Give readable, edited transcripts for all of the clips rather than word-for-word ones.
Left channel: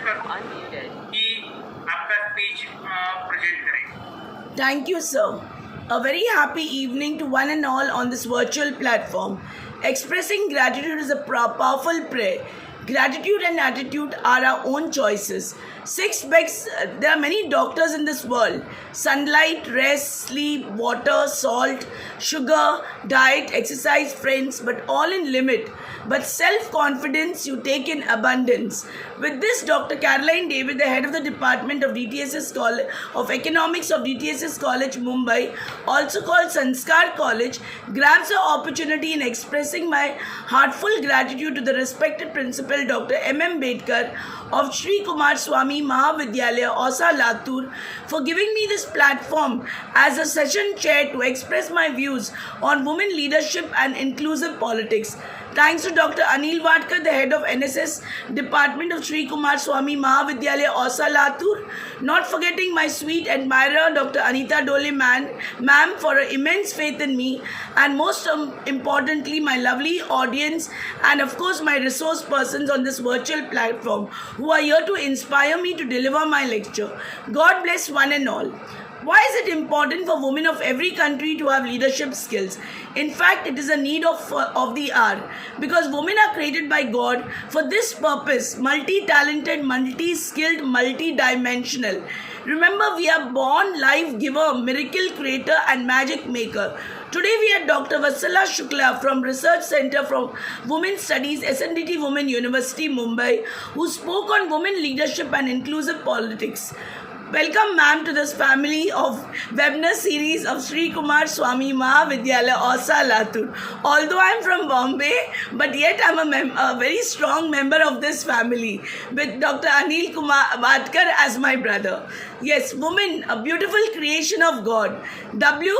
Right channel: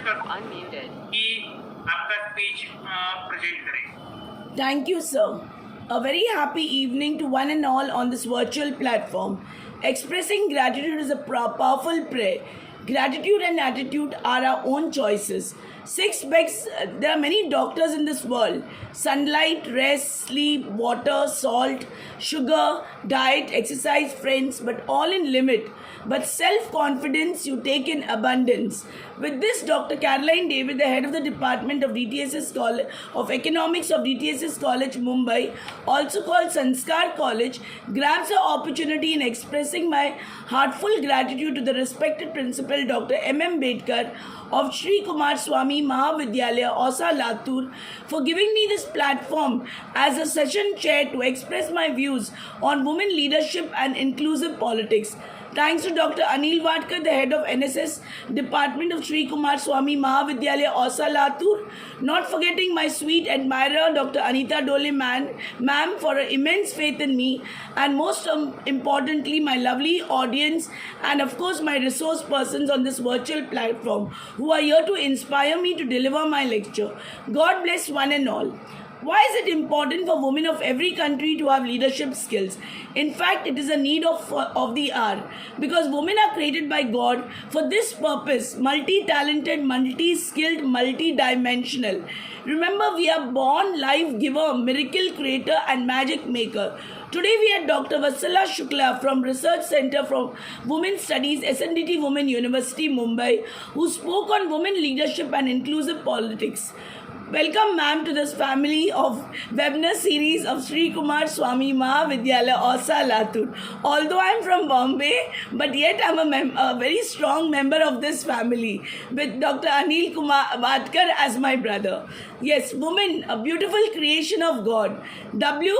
Request करता हूँ कि आपका स्पीच प्रेजेंट करें। Thank you, sir. A very happy evening to one and all on this virtual platform. Expressing gratitude is a powerful prayer. Gratitude and attitude are our own choices. Six begs, there are many doctors in this world: sunlight, rest, sleep, water, salt, sugar, diet, exercise, friends, but all in limit. But self confidence you take in abundance. With this, Dr. Caroline David, the head of the Department of DTSS College of Economics of DTSS College, Mumbai, also called Sanskar College, grabs the opportunity in expressing my heartfelt gratitude to the respected principal Dr. M. Bedkar of Sri Kumar Swami Mahavidyalaya, Osa Latur, for giving me this platform as a session chair to express my views on women leadership and inclusive politics. Thanks to Dr. Anil Vadkar, the head of NSS Department of Sri Kumar Swami Mahavidyalaya, Osa Latur, not forgetting my sweet admirer, Dr. Anita Dole ma'am, for her immense faith in me, and most importantly, my lovely audience, and of course, my resource persons on this virtual platform who are here to inspire me to deliver my lecture. God bless one and all. Why is it important for women of every country to have leadership skills? In fact, it is a need of the hour, because women are created by God for this purpose: multi-talented, multi-skilled, multi-dimensional. Remember, we are born life giver, miracle creator, and magic maker. Today we had Dr. Vatsala Shukla from Research Center for Women Studies, SNDT Women University, Mumbai, who spoke on women leadership and inclusive politics. Welcome, ma'am, to this family of webinar series of Sri Kumar Swami Mahavidyalaya, Osa Latur. Although I am from Bombay, but yet I am a very strong member of this family with Dr. Anil Kumar Vadkar as my brother. Yes, woman, a beautiful creation of God. W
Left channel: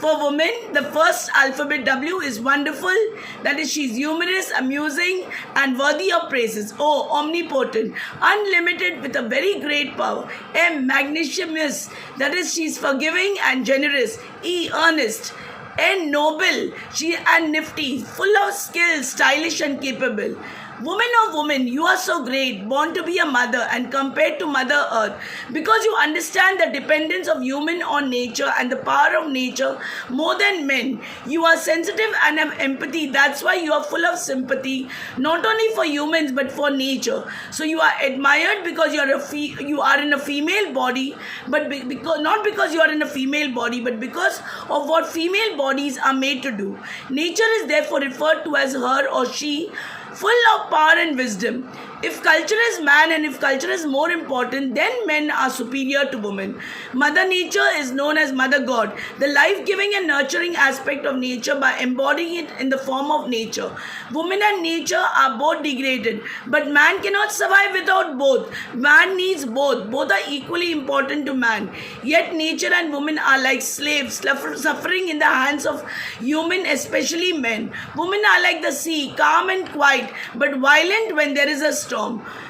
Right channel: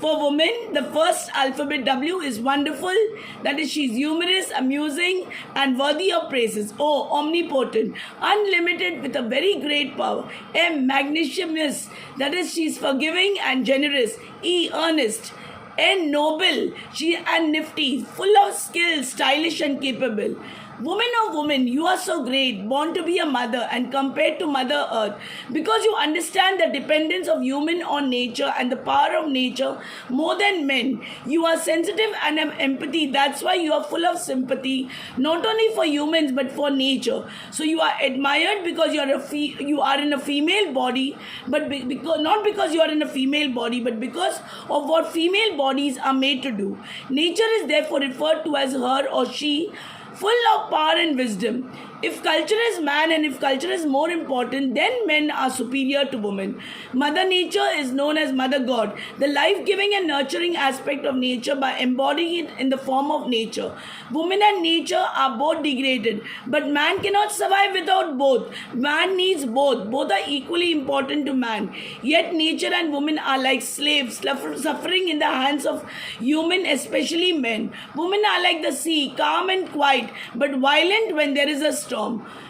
for woman, the first alphabet W is wonderful. That is, she's humorous, amusing, and worthy of praises. O, omnipotent, unlimited with a very great power. M, magnanimous. That is, she's forgiving and generous. E, earnest. N, noble. She and nifty, full of skill, stylish and capable. Woman of woman, you are so great, born to be a mother and compared to Mother Earth, because you understand the dependence of human on nature and the power of nature more than men. You are sensitive and have empathy. That's why you are full of sympathy, not only for humans but for nature. So you are admired because you are in a female body, but not because you are in a female body, but because of what female bodies are made to do. Nature is therefore referred to as her or she, full of power and wisdom. If culture is man and if culture is more important, then men are superior to women. Mother Nature is known as Mother God, the life-giving and nurturing aspect of nature, by embodying it in the form of nature. Women and nature are both degraded, but man cannot survive without both. Man needs both. Both are equally important to man. Yet nature and women are like slaves, suffering in the hands of human, especially men. Women are like the sea, calm and quiet, but violent when there is a storm.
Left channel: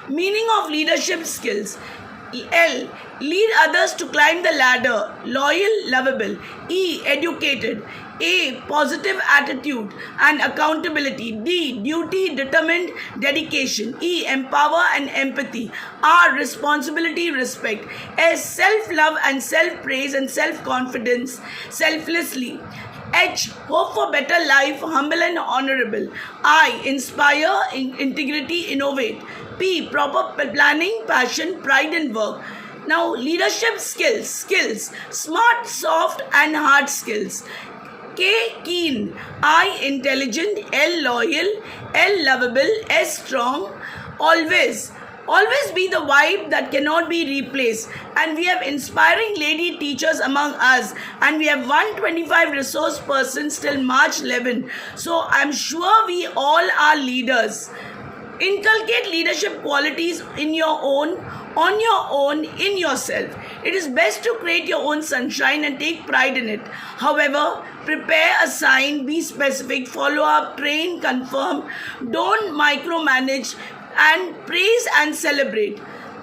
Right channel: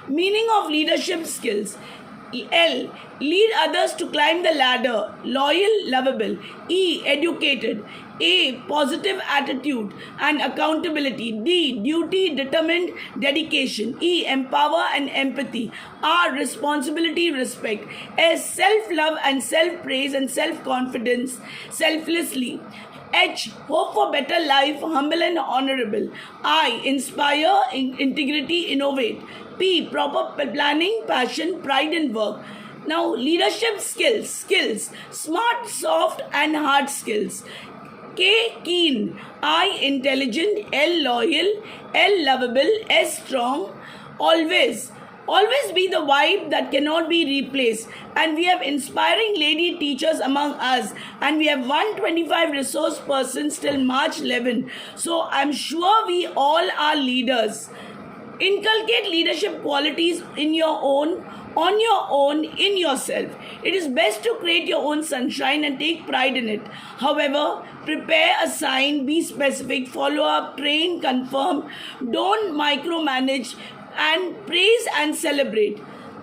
Meaning of leadership skills. L, lead others to climb the ladder, loyal, lovable. E, educated. A, positive attitude and accountability. D, duty, determined, dedication. E, empower and empathy. R, responsibility, respect. S, self-love and self-praise and self-confidence, selflessly. H, hope for better life, humble and honorable. I, inspire, integrity, innovate. P, proper planning, passion, pride and work. Now, leadership skills, smart, soft and hard skills. K, keen. I, intelligent. L, loyal. L, lovable. S, strong. Always be the vibe that cannot be replaced. And we have inspiring lady teachers among us. And we have 125 resource persons till March 11. So I'm sure we all are leaders. Inculcate leadership qualities in your own, on your own, in yourself. It is best to create your own sunshine and take pride in it. However, prepare, assign, be specific, follow up, train, confirm. Don't micromanage, and praise and celebrate.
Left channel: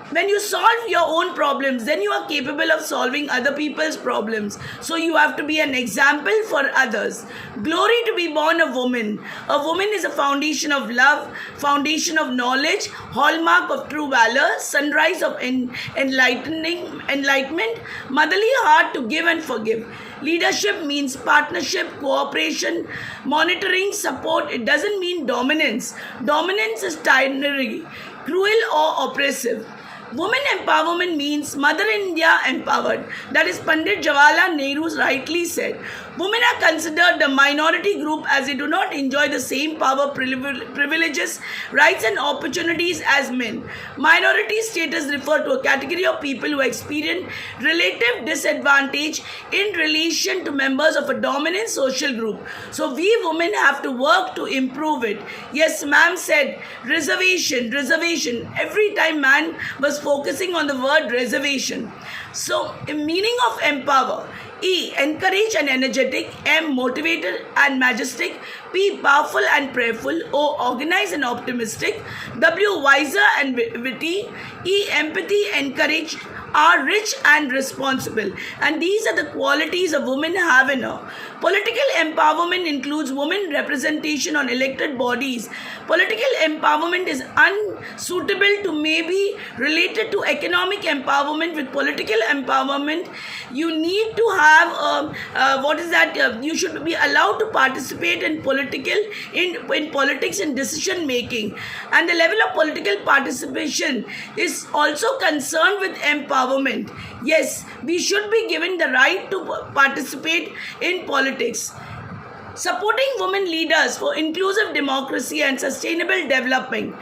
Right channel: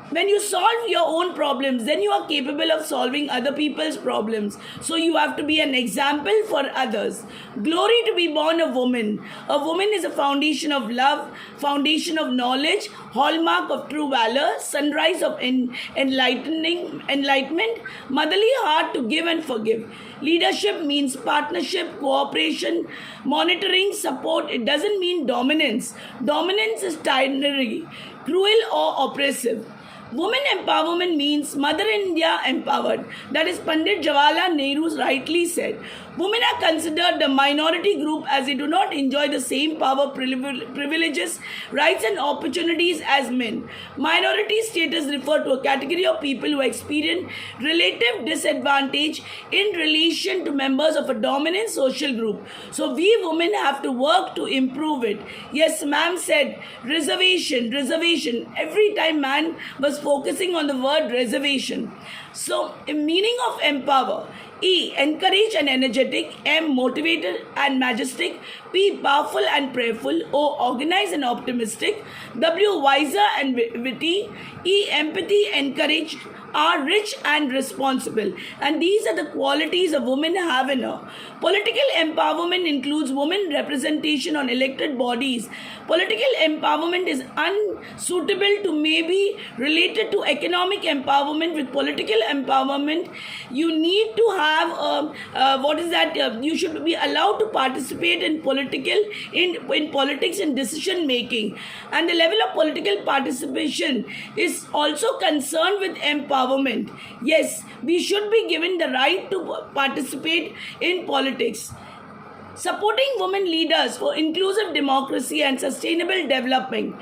when you solve your own problems, then you are capable of solving other people's problems. So you have to be an example for others. Glory to be born a woman. A woman is a foundation of love, foundation of knowledge, hallmark of true valor, sunrise of enlightenment, motherly heart to give and forgive. Leadership means partnership, cooperation, monitoring, support. It doesn't mean dominance. Dominance is tyranny, cruel or oppressive. Women empowerment means Mother India empowered. That is Pandit Jawaharlal Nehru rightly said. Women are considered the minority group as they do not enjoy the same power, privileges, rights and opportunities as men. Minority status refer to a category of people who experience relative disadvantage in relation to members of a dominant social group. So we women have to work to improve it. Yes, ma'am said reservation. Every time man was focusing on the word reservation. So, meaning of empower. E. Encourage and energetic. M. Motivated and majestic. P. Powerful and prayerful. O. Organized and optimistic. W. Wiser and witty. E. Empathy, encouraged. R. Rich and responsible. And these are the qualities a woman have in her. Political empowerment includes women representation on elected bodies. Political empowerment is unsuitable to maybe related to economic empowerment. With political empowerment, you need to have you should be allowed to participate in politics and decision making, and the level of political participation is also concerned with empowerment. Yes, we should be given the right to participate in politics. Supporting women leaders for inclusive democracy and sustainable development,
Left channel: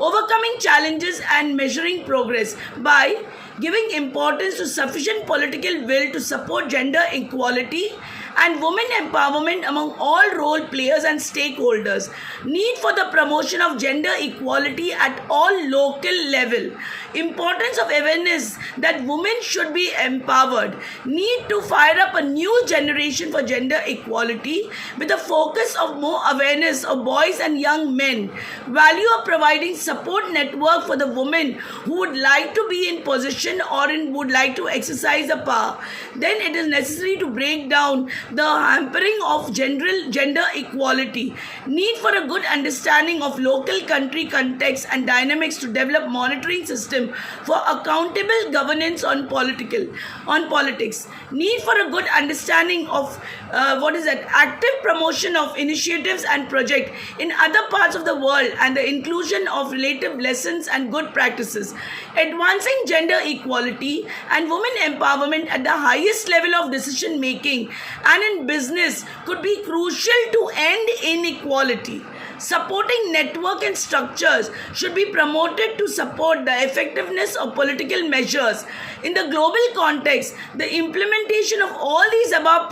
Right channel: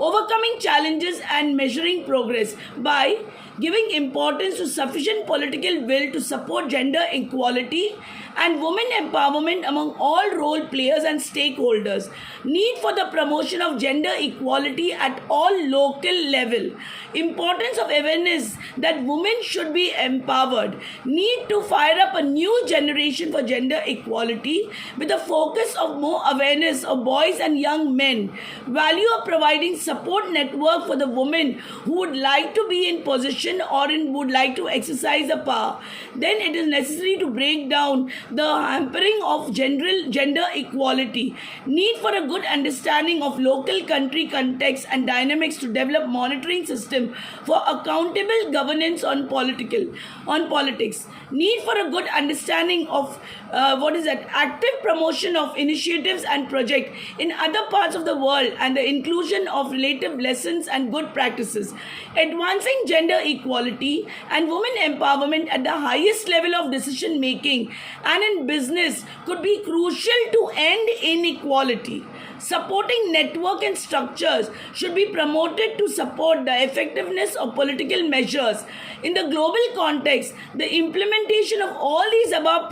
overcoming challenges and measuring progress by giving importance to sufficient political will to support gender equality and women empowerment among all role players and stakeholders. Need for the promotion of gender equality at all local level. Importance of awareness that women should be empowered. Need to fire up a new generation for gender equality with a focus of more awareness of boys and young men. Value of providing support network for the women who would like to be in position or would like to exercise the power. Then it is necessary to break down the hampering of gender equality. Need for a good understanding of local country context and dynamics to develop monitoring system for accountable governance on politics. Need for a good understanding of active promotion of initiatives and projects in other parts of the world and the inclusion of relative lessons and good practices. Advancing gender equality and women empowerment at the highest level of decision making and in business could be crucial to end inequality. Supporting network and structures should be promoted to support the effectiveness of political measures. In the global context, the implementation of all these above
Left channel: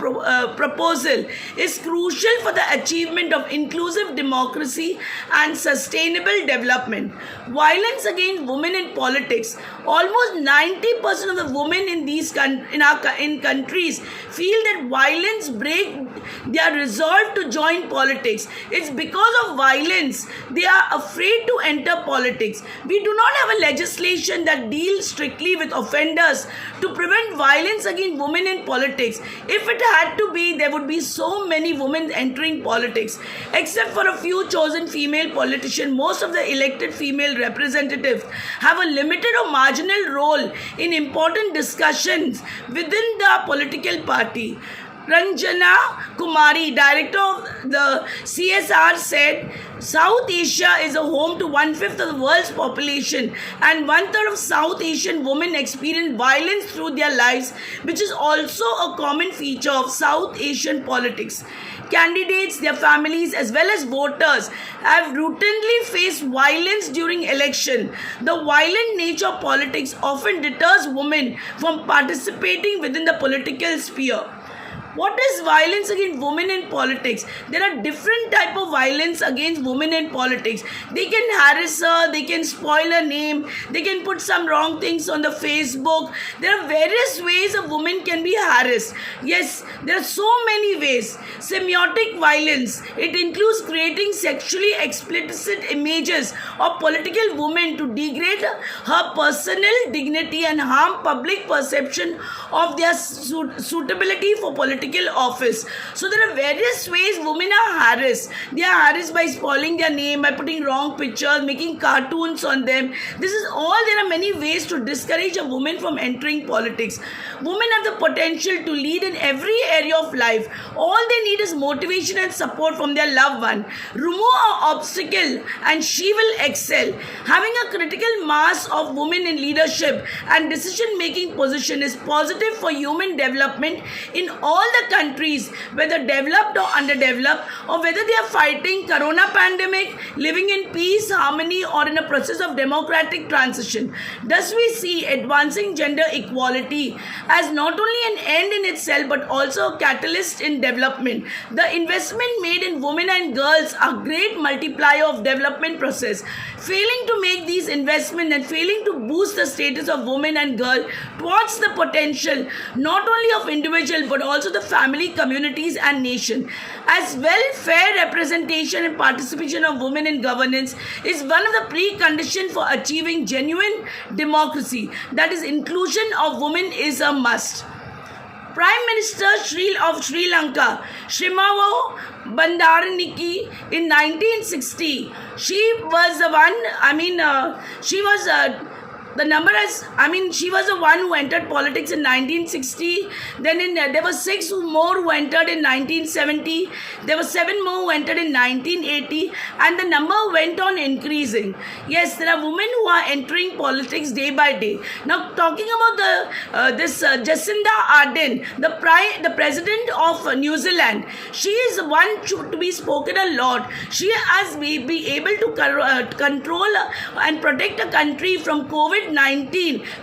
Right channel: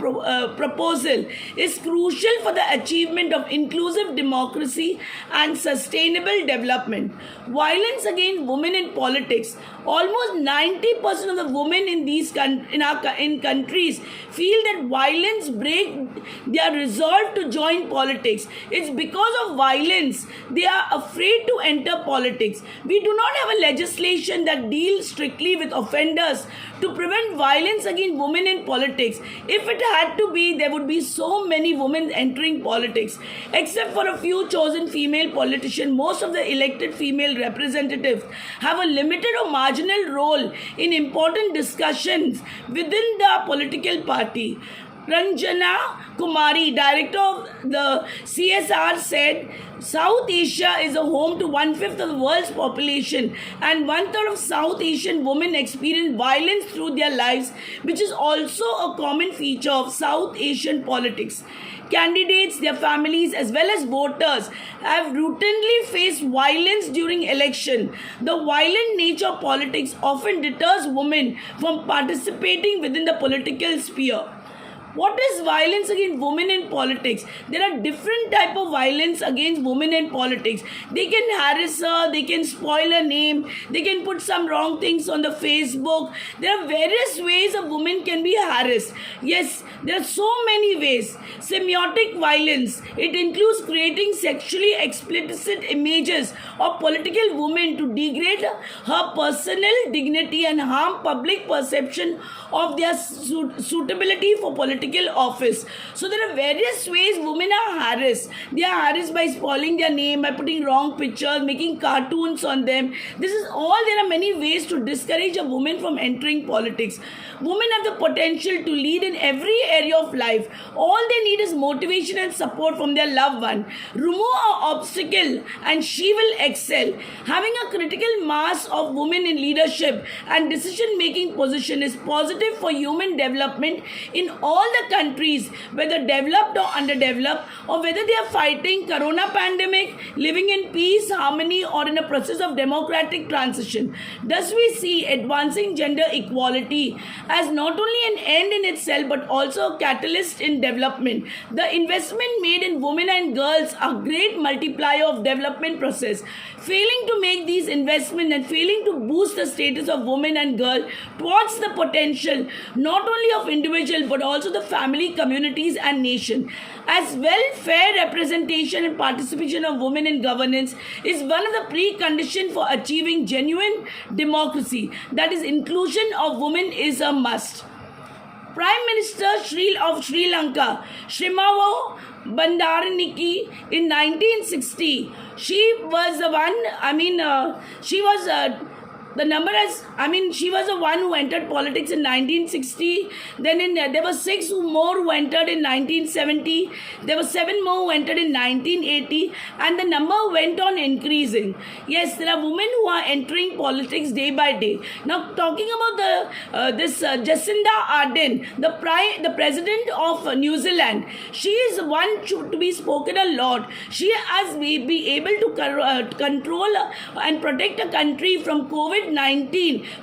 proposal is crucial for the achievement of inclusive democracy and sustainable development. Violence against women in politics. Almost 90% of the women in countries feel that violence breaks their resolve to join politics. It's because of violence they are afraid to enter politics. We do not have a legislation that deals strictly with offenders to prevent violence against women in politics. If it had to be, there would be so many women entering politics. Except for a few chosen female politicians, most of the elected female representatives have a limited or marginal role in important discussions within the political party. Ranjana Kumari, director of the CSR, said South Asia is a home to 1/5 of the world's population, and 1/3 of South Asian women experience violence through their lives, which is also a common feature of South Asian politics. Candidates, their families, as well as voters have routinely faced violence during election. The violent nature of politics often deters women from participating within the political sphere. What is violence against women in politics? There are different type of violence against women in politics. They can harass her, they can spoil her name, they can put some wrong things on the Facebook. There are various ways a woman can be harassed. Yes, there are so many ways. Semiotic violence. It includes creating sexually explicit images of political women to degrade her personal dignity and harm public perception of their suitability for political office. So there are various ways women are harassed. They are harassed by spoiling their name, by putting wrong pictures, making cartoons on them. This is all. There are many ways to discourage a woman from entering politics. Women have the potential to lead in every area of life. All they need is motivation and support from their loved one. Remove an obstacle and she will excel. Having a critical mass of women in leadership and decision-making position is positive for human development in all the countries, whether developed or underdeveloped, or whether they are fighting corona pandemic, living in peace, harmony, or in a process of democratic transition. Thus we see advancing gender equality as not only an end in itself but also a catalyst in development. The investment made in women and girls are great multiplier of development process. Failing to make these investments and failing to boost the status of women and girls towards the potential not only of individual but also the family, communities and nation. As well, fair representation and participation of women in governance is one of the preconditions for achieving genuine democracy. That is, inclusion of women is a must. Prime Minister of Sri Lanka, Shrimavo Bandaraniki, in 1960, she was the one, she was the one who entered politics in 1960. Then there were 6 more who entered in 1970. There were 7 more who entered in 1980. And the number went on increasing. Yes, there are women who are entering politics day by day. Now, talking about Jacinda Ardern, the president of New Zealand, she is one to be spoken a lot. She has been able to control and protect a country from COVID-19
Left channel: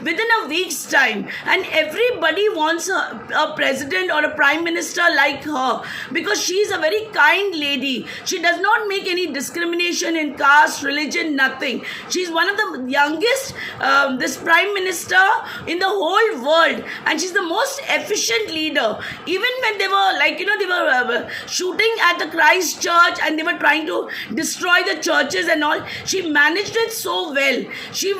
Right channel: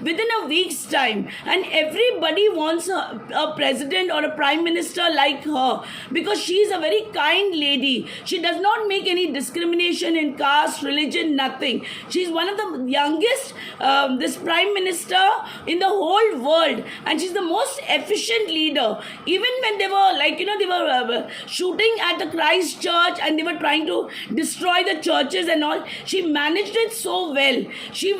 within a week's time, and everybody wants a president or a prime minister like her because she is a very kind lady. She does not make any discrimination in caste, religion, nothing. She is one of the youngest this prime minister in the whole world, and she's the most efficient leader. Even when they were shooting at the Christ Church and they were trying to destroy the churches and all, she managed it so well. She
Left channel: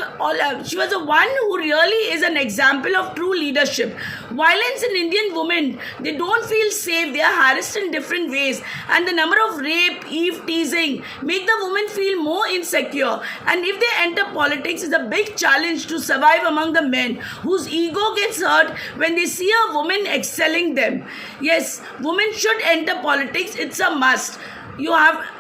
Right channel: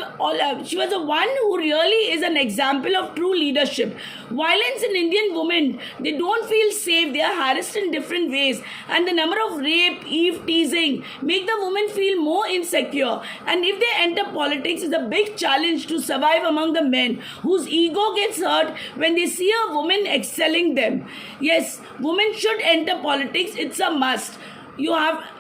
was the one who really is an example of true leadership. Violence in Indian women, they don't feel safe. They are harassed in different ways, and the number of rape, eve teasing make the women feel more insecure. And if they enter politics, it's a big challenge to survive among the men whose ego gets hurt when they see a woman excelling them. Yes, women should enter politics. It's a must.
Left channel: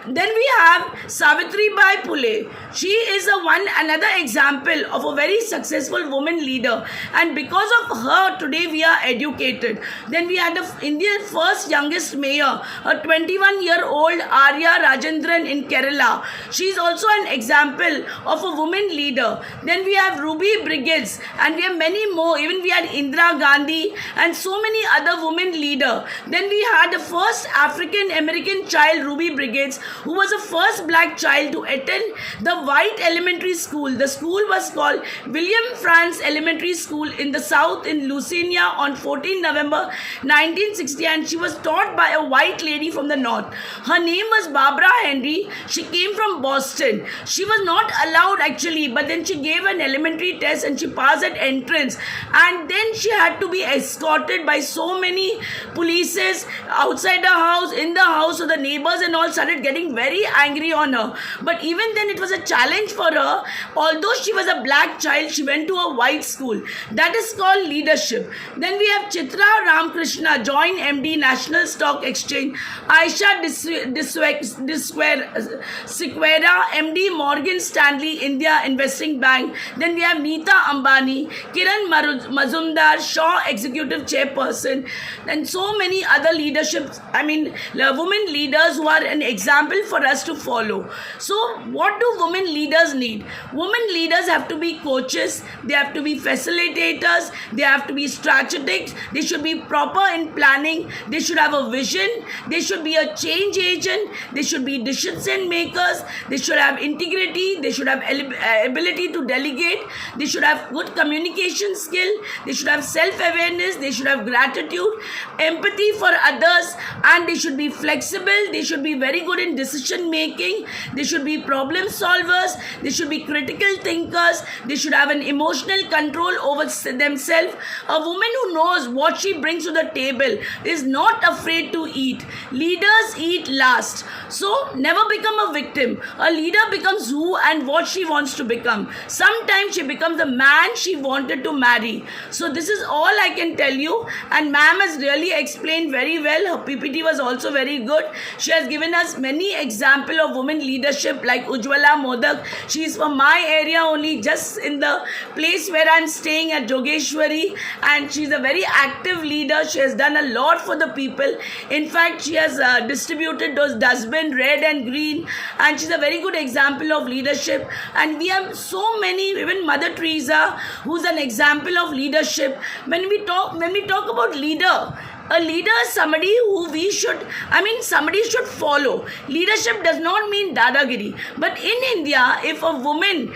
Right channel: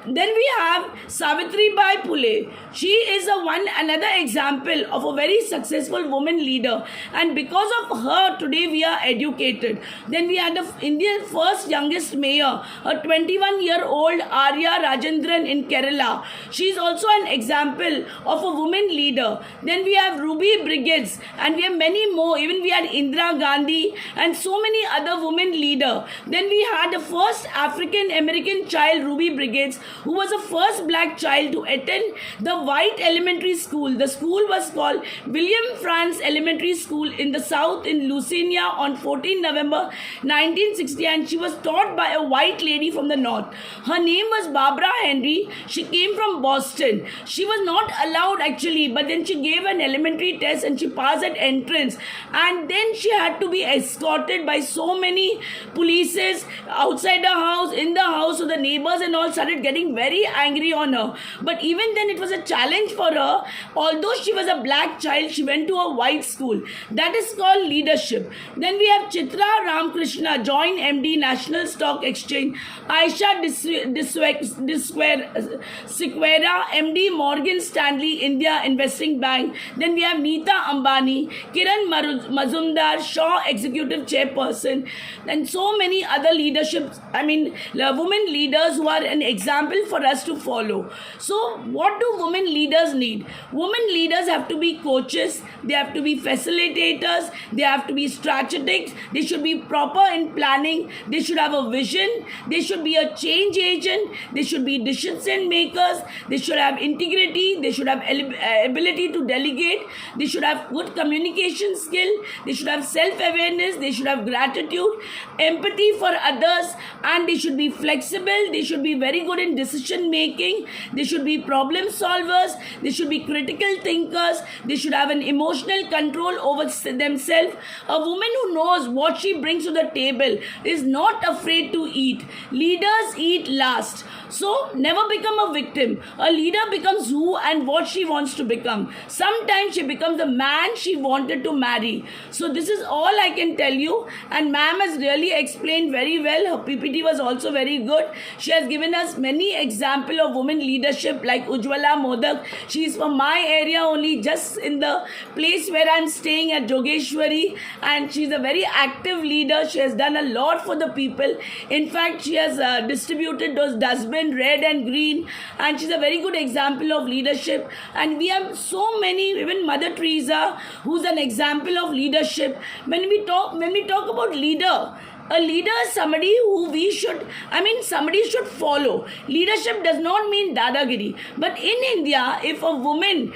Then we have Savitribai Phule. She is another example of a very successful woman leader, and because of her today we are educated. Then we had India's first youngest mayor, a 21-year-old Arya Rajendran in Kerala. She is also an example of a woman leader. Then we have Ruby Briggs, and we have many more. Even we had Indira Gandhi and so many other women leaders. Then we had the first African American child, Ruby Briggs, who was the first black child to attend the white elementary school. The school was called William Franz Elementary School in the South in Louisiana on 14 November 1960, and she was taught by a white lady from the North. Her name was Barbara Henry. She came from Boston. She was not allowed actually, but then she gave an elementary test and she passed at entrance, and then she had to be escorted by so many polices outside the house, in the house, so the neighbors and all started getting very angry on her. But even then it was a challenge for her. Although she was a black child, she went to a white school. That is called leadership. Then we have Chitra Ramakrishna, joined MD, National Stock Exchange. Aisha Sequeira, MD, Morgan Stanley India Investing Bank. Then we have Neeta Ambani, Kiran Mazumdar, Shaw Executive Chairperson, and so many other women leaders who are are an example for us to follow. So what do women leaders need? Women leaders have to be coaches, they have to be facilitators, they have to be strategic, they should be proper in planning, they should have a vision, they should be a change agent, they should be decision makers, they should have integrity, they should have ability to delegate, they should have good communication skill, they should have self-awareness, they should have gratitude, empathy for others, and they should be flexible, they should be very good in decision making, they should be problem solvers, they should be critical thinkers, they should have an emotional control over themselves. A woman who knows what she brings to the table is not afraid to eat. Leaders eat last. So never become a victim. A leader becomes who and what she wants to become. Sometimes she becomes the man she wanted to marry. So this is all I can tell you, and ma'am has really explained very well. Her PPT was also very good. She has given us many examples of women leadership like Ujwala Modak. She is from my area only, just in the place where I am staying at Jogeshwari, and she is a very active leader. She has done a lot for the people. In fact, she has distributed those dustbin red and green, and she's a very good example of leadership. And we have so many, even Mother Teresa, who's an example of leadership. When we talk about leader, a leader is somebody who somebody should follow. Leadership does not mean dadagiri. But in India, if a woman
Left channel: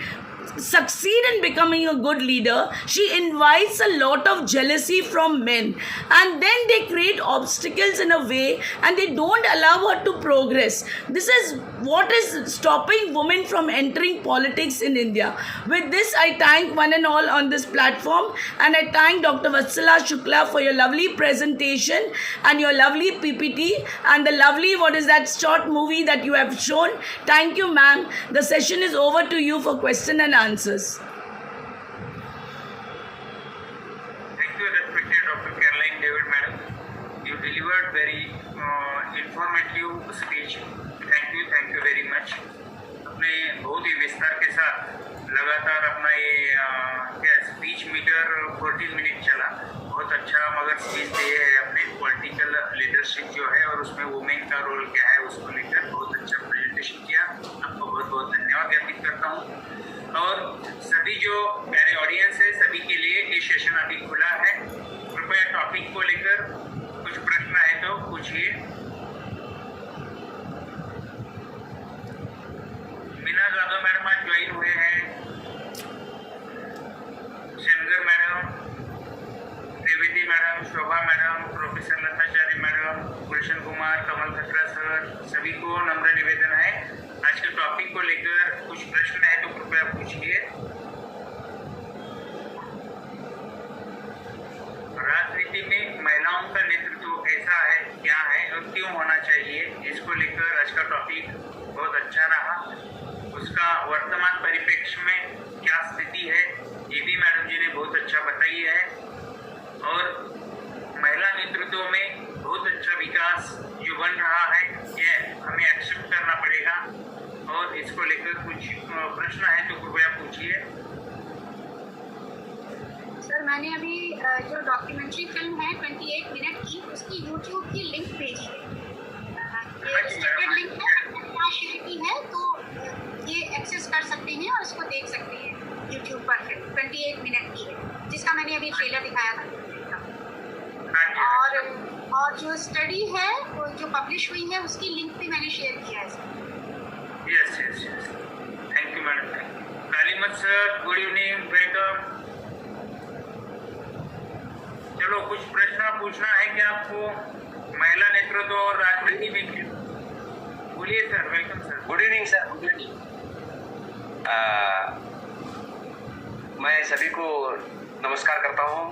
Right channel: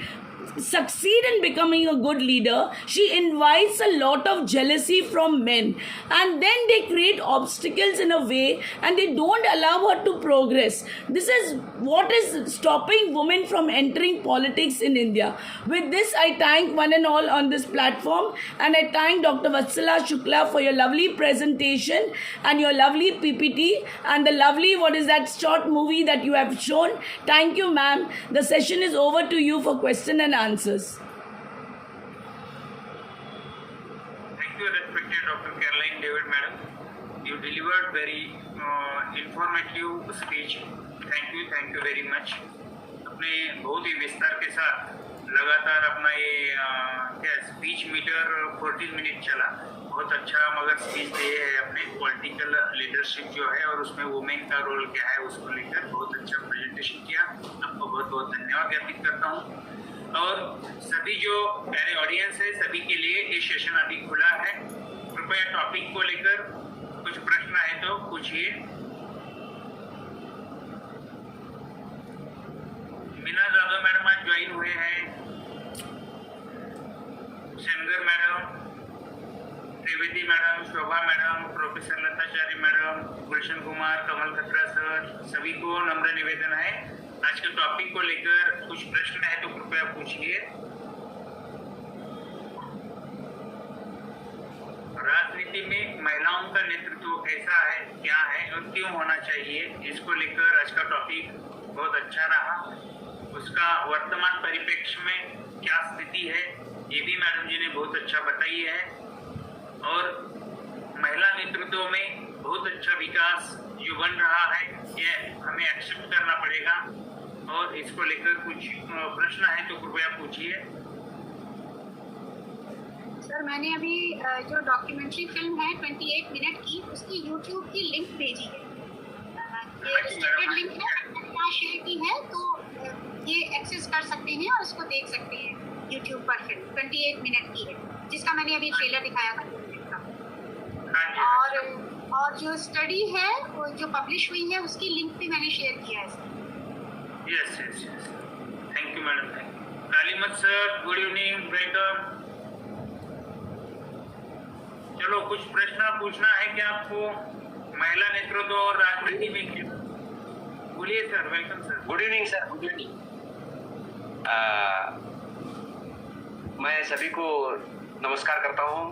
succeed in becoming a good leader, she invites a lot of jealousy from men, and then they create obstacles in a way, and they don't allow her to progress. This is what is stopping women from entering politics in India. With this, I thank one and all on this platform, and I thank Dr. Vatsala Shukla for your lovely presentation and your lovely PPT and the lovely short movie that you have shown. Thank you, ma'am. The session is over to you for question and answers. Thank you, respected Dr. Caroline David, madam. You delivered very informative speech. Thank you very much. अपने बहुत ही विस्तार के साथ लगातार अपना ये speech metre 14 minute चला. बहुत अच्छा मगर स्पीच दिए है अपने पॉलिटिकल लीडरशिप जो है और उसमें वुमेन का रोल क्या है उसको लेकर बहुत अच्छा प्रेजेंटेशन किया. आपको बहुत बहुत धन्यवाद ज्ञापित करता हूँ. और सभी जो प्यारे ऑडियंस है सभी के लिए ये सेशन अभी खुला है. कृपया टॉपिक को लेकर कुछ प्रश्न है तो पूछिए. मीना जाधव मैडम आज ज्वाइन हुए हैं. शेनगर मैडम, त्रिवेदी मैडम, शोभा madam, professor लताचार्य madam, Gulshan Kumar, कमल खतरा सर, सभी को नम्र निवेदन है आज के टॉपिक को लेकर कुछ प्रश्न है तो कृपया पूछिए. राजनीति में महिलाओं का नेतृत्व कैसा है, क्या है और क्यों होना चाहिए, इसको लेकर आज का टॉपिक बहुत अच्छा रहा. उसका वर्तमान परिप्रेक्ष्य में क्या स्थिति है ये भी मैडम जी ने बहुत अच्छा बताई है. और महिला नेतृत्व में बहुत अच्छा विकास जो बन रहा है ये हमें एक्सेप्ट करना पड़ेगा. और इसको लेकर कुछ प्रश्न है तो कृपया पूछिए. सर, मैंने अभी जो डॉक्यूमेंट्री फिल्म है 28 मिनट की, उसकी यूट्यूब की लिंक भेजी है. ये लिंक है, शेयर की है, तो ये एक्सेस कर सकते हैं और उसको देख सकते हैं यूट्यूब पर. फिल्म 28 मिनट की है जिसका मैंने अभी ट्रेलर दिखाया था. और जो स्टडी है वो जो पब्लिश हुई है उसकी लिंक भी मैंने शेयर किया है. यस. Thank you madam. कालीमत सर, गुड इवनिंग, वेलकम. चलो कुछ प्रश्न पूछना है क्या आपको महिला नेतृत्व और राजनीति में? बोलिए sir. Welcome sir. Good evening sir. Good evening. मैं सभी को नमस्कार करता हूँ.